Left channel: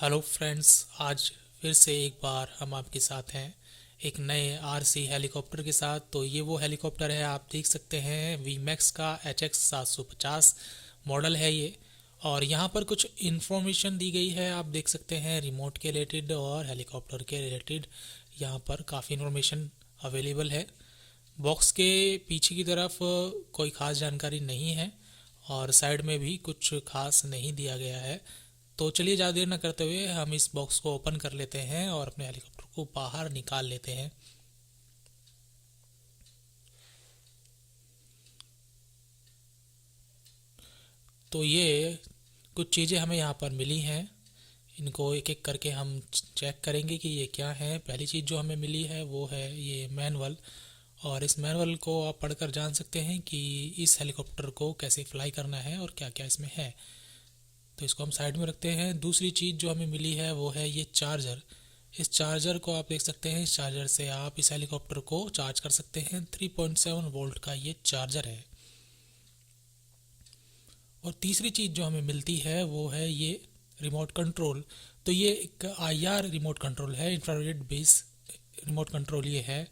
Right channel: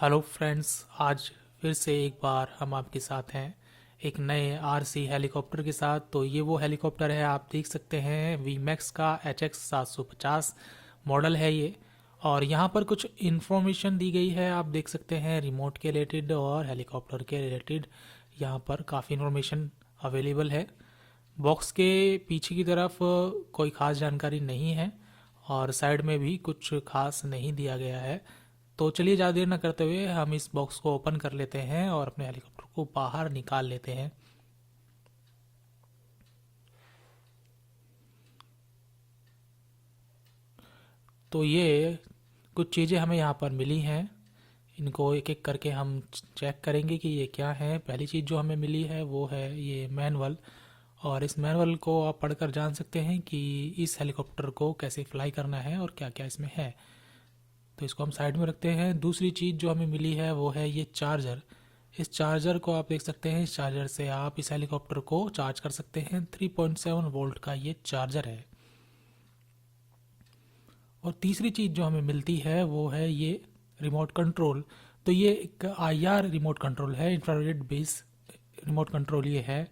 Hello friends, आज फिर से एक बार हम आपके साथ हैं एक नए आरसी हेलीकॉप्टर के साथ। तो ये वो हेलीकॉप्टर है, आप देख सकते हैं वी मैक्स का HX 750 मॉडल है ये। और यहाँ पर कुछ इन्फॉर्मेशन दी गई है, आप देख सकते हैं रिमोट के रिलेटेड और हेलीकॉप्टर के रिलेटेड यहाँ पर काफ़ी इन्फॉर्मेशन अवेलेबल है। बॉक्स के पीछे की तरफ कोई ख़ास जानकारी नहीं है और साइड में भी कुछ खास नहीं दिया गया है। तो चलिए ज़्यादा देर न करते हुए हम इस बॉक्स को ओपन कर लेते हैं और अपने हेलीकॉप्टर को बाहर निकाल लेते हैं। तो ये कुछ चीज़ें हमें यहाँ पर मिली हैं, इनको एक एक करके हम चेक करेंगे कि ये क्या है। पहली चीज़ जो हमें मिली है वो है ये मैनुअल, और इस मैनुअल को आप पढ़कर जान सकते हैं कि इस हेलीकॉप्टर को कैसे फ्लाई करना है और क्या क्या इसमें है। तो इसको हम साइड में रखते हैं। दूसरी चीज़ जो हमें मिली है वो है ये चार्जर। इस चार्जर को आप देख सकते हैं, इस चार्जर से आप इस हेलीकॉप्टर को चार्ज कर सकते हैं। 3.7 वोल्ट का ये चार्जर है। और तीसरी चीज़ जो हमें मिलती है वो है ये रिमोट कंट्रोल। तो ये एक IR रिमोट कंट्रोल है, इंफ्रारेड बेस रिमोट कंट्रोल ये है।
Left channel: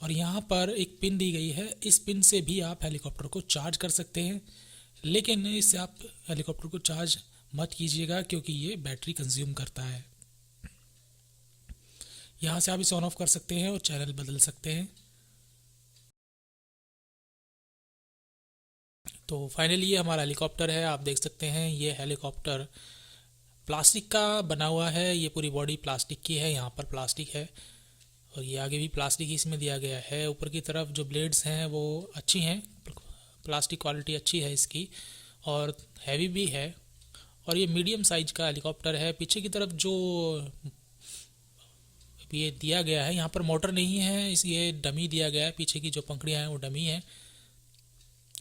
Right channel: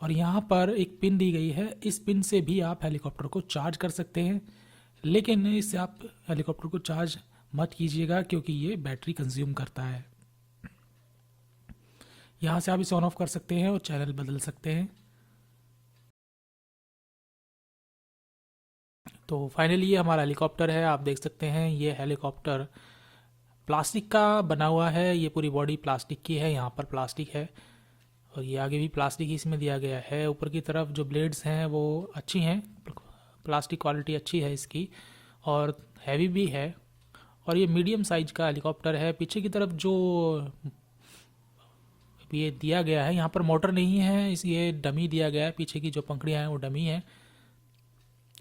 और यहाँ पर एक पिन दी गई है, इस पिन से भी आप हेलीकॉप्टर को चार्ज कर सकते हैं, लेकिन इससे आप हेलीकॉप्टर को चार्ज मत कीजिएगा क्योंकि ये बैटरी कंज्यूम करता है। यहाँ से आप इसे ऑन ऑफ कर सकते हैं और चैनल बदल सकते हैं। तो फाइनली ये हमारा हेलीकॉप्टर है, आप देख सकते हैं ये हेलीकॉप्टर प्लास्टिक का बना हुआ है। ये पूरी बॉडी प्लास्टिक की है, यहाँ पर प्लास्टिक है और ये आगे भी प्लास्टिक ही इसमें दिया गया है। ऊपर की तरफ जो ब्लेड्स हैं वो अच्छी हैं, प्लास्टिक क्वालिटी अच्छी है इसकी और हैवी भी है। और ये मीडियम साइज का हेलीकॉप्टर है। पीछे की तरफ जो ये दिया गया है, यहाँ पर मोटर नहीं है, इस ये डमी दिया गया है। पीछे की जो पंखड़ियाँ हैं वो डमी है।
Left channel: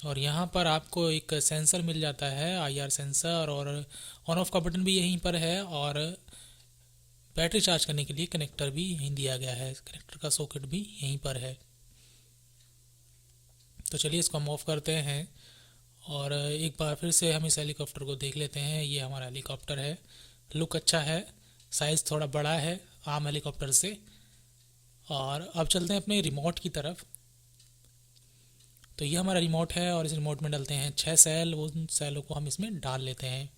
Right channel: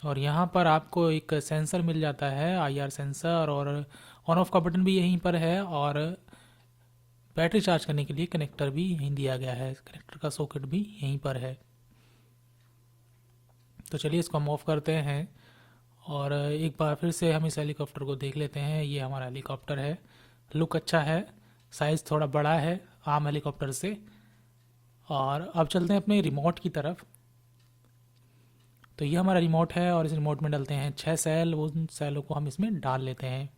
और यहाँ पर आपको एक सेंसर मिल जाता है, IR सेंसर, और ऑन ऑफ का बटन भी यहीं पर है। और बैटरी चार्ज करने के लिए कनेक्टर भी यहीं दिया गया है, कनेक्टर का सॉकेट भी यहीं पर है। तो चलिए इसको हम ऑफ करते हैं और एक बार फिर से हम इस हेलीकॉप्टर को देख लेते हैं। ये हमारा हेलीकॉप्टर है, लुक अच्छा है, साइज़ थोड़ा बड़ा है आम हेलीकॉप्टर से। और अब चलते हैं अपने रिमोट की तरफ। तो ये हमारा रिमोट है और इस रिमोट में डलते हैं 6 सेल, उन सेलों को हम इसमें डाल लेते हैं।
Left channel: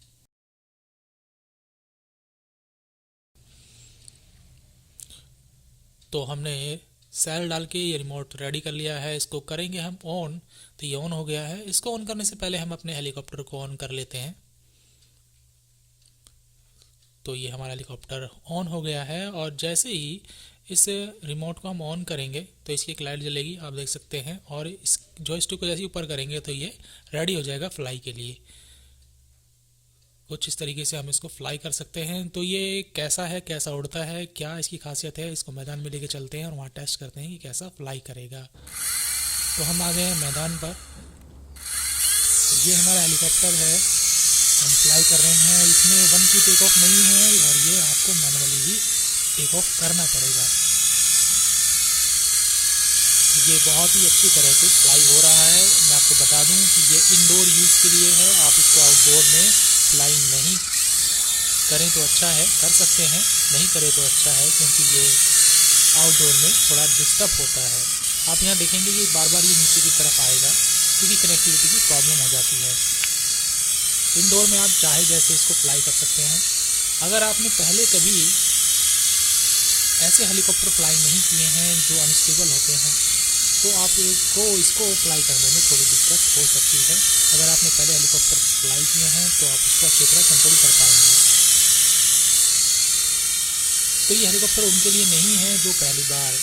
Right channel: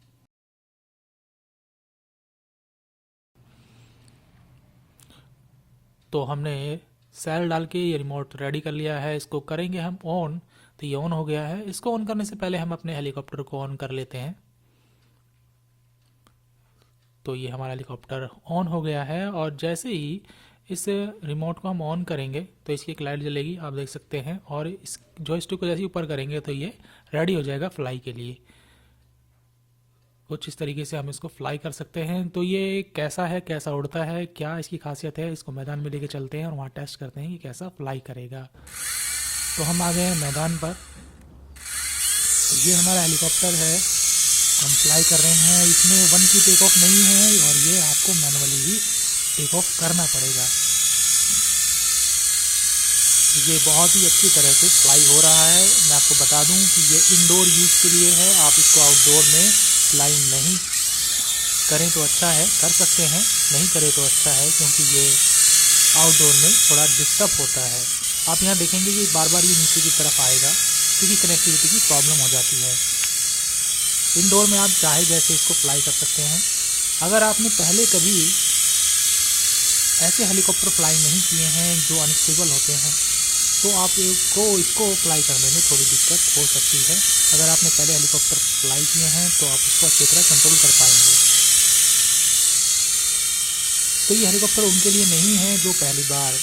तो हमने सेल डाल के ये रिमोट रेडी कर लिया है, इसको करेंगे हम ऑन। तो ये ऑन हो गया है। इसको ऑन करने से पहले हम अपने हेलीकॉप्टर को ऑन कर लेते हैं। तो ये हमारा हेलीकॉप्टर ऑन हो गया है और जैसे ही इस रिमोट को हम ऑन करेंगे तो इसकी एक लाइट जलेगी, आप देख सकते हैं। और इस जॉयस्टिक को जैसे ही ऊपर करेंगे तो ये रेडी हो जाएगा फ्लाई के लिए। कुछ इस तरीके से हम इसको फ्लाई कर सकते हैं। तो ये कैसा है, कैसा उड़ता है, क्या इसकी खासियत है, इसको मैदान में लेके चलते हैं और वहाँ टेस्ट करते हैं कि कैसा फ्लाई करेगा। तो हम आ गए हैं मैदान पर। तो ये हमारा हेलीकॉप्टर है, हम फ्लाई कर रहे हैं। इसमें 1 की टेक ऑफ नहीं है और ये आपको मैनुअली ही टेक ऑफ करना पड़ेगा। ये बहुत ही अच्छी तरह से फ्लाई हो रहा है। मैं आपको बता दूं कि ये इंडोर यूज़ के लिए है, आप इसको आउटडोर में फ्लाई नहीं करें तो अच्छा है, कर सकते हैं, नहीं करें तो अच्छा है, क्योंकि ये आउटडोर में थोड़ा डिस्टर्ब होता है। आप यहाँ देखेंगे कि बार बार ये नीचे की तरफ आएगा क्योंकि कनेक्टिविटी की प्रॉब्लम हो जाती है। इंडोर में आप चाहे जैसे इसको फ्लाई कर सकते हैं। अगर आपने पहले कभी ऐसे हेलीकॉप्टर फ्लाई नहीं किए हैं जो अनस्टेबल होते हैं तो आपको इसको फ्लाई करने में थोड़ी दिक्कत हो सकती है। अगर आपने पहले हेलीकॉप्टर फ्लाई किए हैं तो आप इसको अच्छी तरह कंट्रोल कर पाएंगे। तो ये हेलीकॉप्टर उनके लिए नहीं है जो पहली बार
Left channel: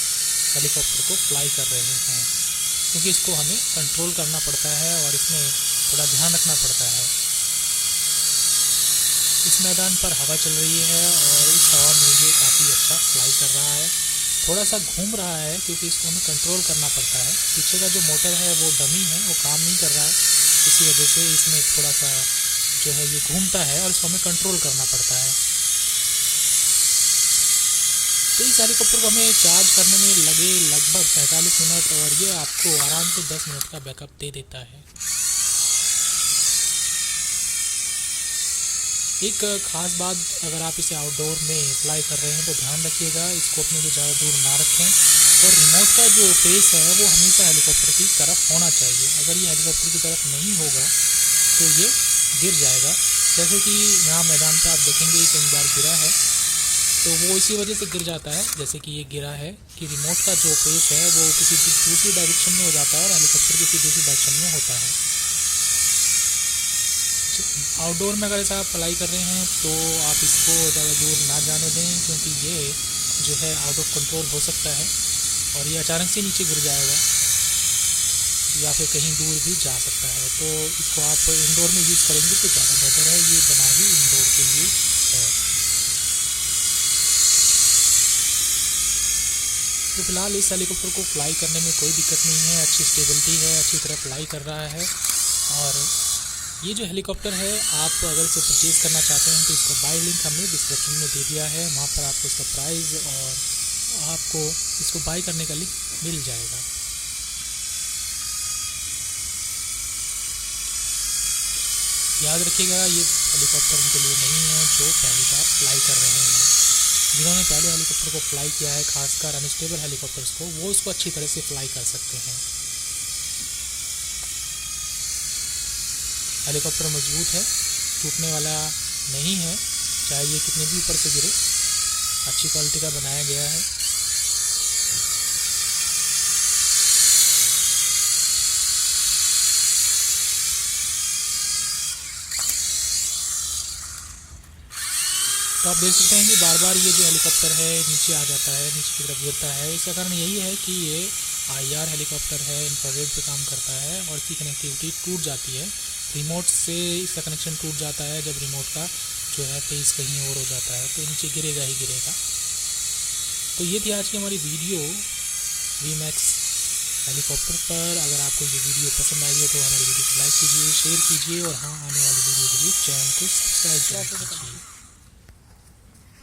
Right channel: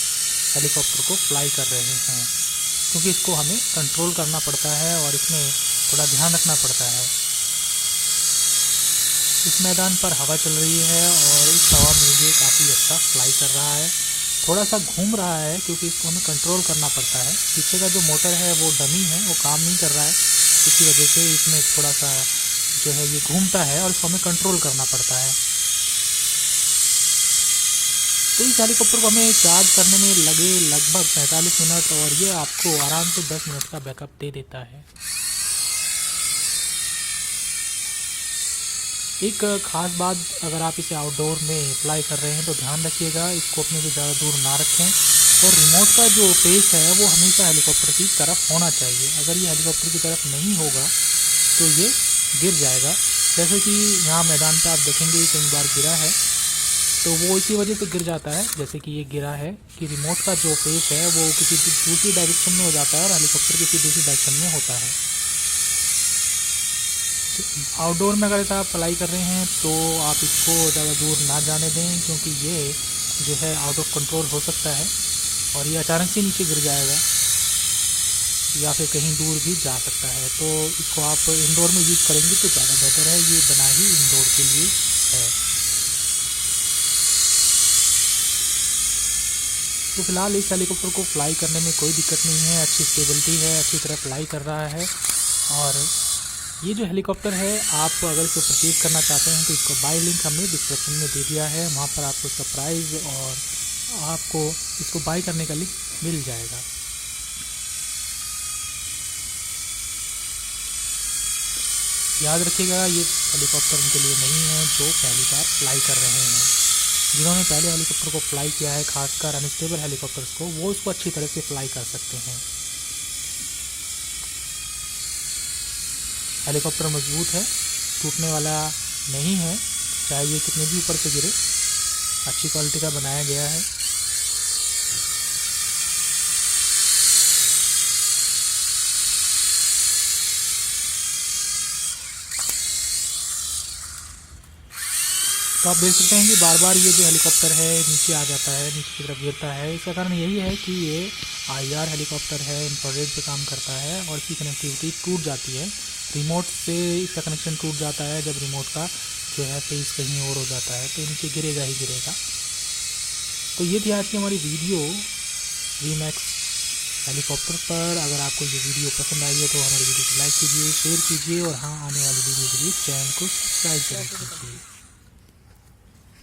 हेलीकॉप्टर को फ्लाई कर रहे हैं, क्योंकि इसको हमें कंट्रोल करना पड़ता है और इसमें थोड़ा ध्यान रखना पड़ता है। इस मैदान पर हवा चल रही है और इस हवा में ये काफ़ी अच्छा फ्लाई कर रहा है। थोड़ा सा घूम रहा है क्योंकि इसको हमें कंट्रोल करना पड़ता है। पीछे का जो मोटर है वो डमी है, वो काम नहीं कर रहा है, इसी वजह से इसमें थोड़ा सा जो है ये घूमता है और इसको हमें कंट्रोल करना पड़ता है। तो इस हेलीकॉप्टर को हमें चार्ज करने में लगे लगभग 45 मिनट और ये आपको आराम से 10 मिनट का बैकअप दे देता है। एक ख़ास बात, अगर आप इसे आउटडोर में फ्लाई कर रहे हैं तो ध्यान रखिएगा इसको अपने से ज़्यादा दूर ना रखें, और रिमोट का जो फेस है वो हमेशा हेलीकॉप्टर की तरफ होना चाहिए। अगर ये हेलीकॉप्टर की तरफ नहीं होगा तो ये गिर जाएगा। जैसे कि यहाँ मैदान पे आप देखेंगे कई बार गिरा है, तो वो इसी वजह से गिर जाता है। जैसे कि ये गिरा है कि रिमोट का जो फेस है वो किसी दूसरी डायरेक्शन में हो जाता है और हेलीकॉप्टर किसी दूसरी डायरेक्शन में होता है। आउटडोर में अगर ऐसा आप फ्लाई कर रहे हैं तो आप इसको ज़्यादा दूर ना जाने दें, क्योंकि ये जो है आउट ऑफ कंट्रोल हो सकता है और ये अचानक से नीचे गिर जाएगा या फिर कहीं दूर भी जा सकता है। तो इसको आप इंडोर में यूज़ करेंगे तो ज़्यादा बेहतर है, ये बना ही इंडोर के लिए है। तो फिलहाल इस हेलीकॉप्टर को फ्लाई करने में कोई दिक्कत नहीं है, अच्छी स्टेबिलिटी है, अच्छी तरह फ्लाई कर रहा है। और ये जो हेलीकॉप्टर है, आप अगर इसे परचेज़ करना चाहते हैं तो इसका बाय लिंक हमने डिस्क्रिप्शन में दे दिया है, वहाँ पर आपको इसका प्राइस और आपको इसको बाय करने का लिंक मिल जाएगा। याद रखिएगा ये हेलीकॉप्टर उनके लिए नहीं है जो पहली बार फ्लाई कर रहे हैं। जिन्होंने पहले हेलीकॉप्टर को फ्लाई किया है, खासकर अनस्टेबल हेलीकॉप्टर्स को, वो उसको अच्छी तरह से फ्लाई कर सकते हैं। हेलीकॉप्टर मजबूत है, टूटने वाला नहीं है, चाहे ये कितने भी ऊपर से गिरे, अच्छी क्वालिटी का बनाया गया है। तो आप देख सकते हैं कि बार बार ये जो हेलीकॉप्टर है नीचे आ जाता है, नीचे की तरफ गिरता है। इसका कारण यही है कि ये IR हेलीकॉप्टर है, इंफ्रारेड पे काम करता है और इसकी कनेक्टिविटी टूट जाती है। रिमोट से इसका कनेक्शन टूट जाता है जब रिमोट का जो है फेस कहीं और हो जाता है, तो नीचे गिरेगा ही गिरेगा। तो ये थी आज की हमारी वीडियो VMAX हेलीकॉप्टर पर। अगर आपको ये वीडियो पसंद आई है तो हमारी वीडियो को लाइक कीजिए, शेयर कीजिए और हाँ, आने वाली वीडियो के लिए चैनल को सब्सक्राइब जरूर कीजिए।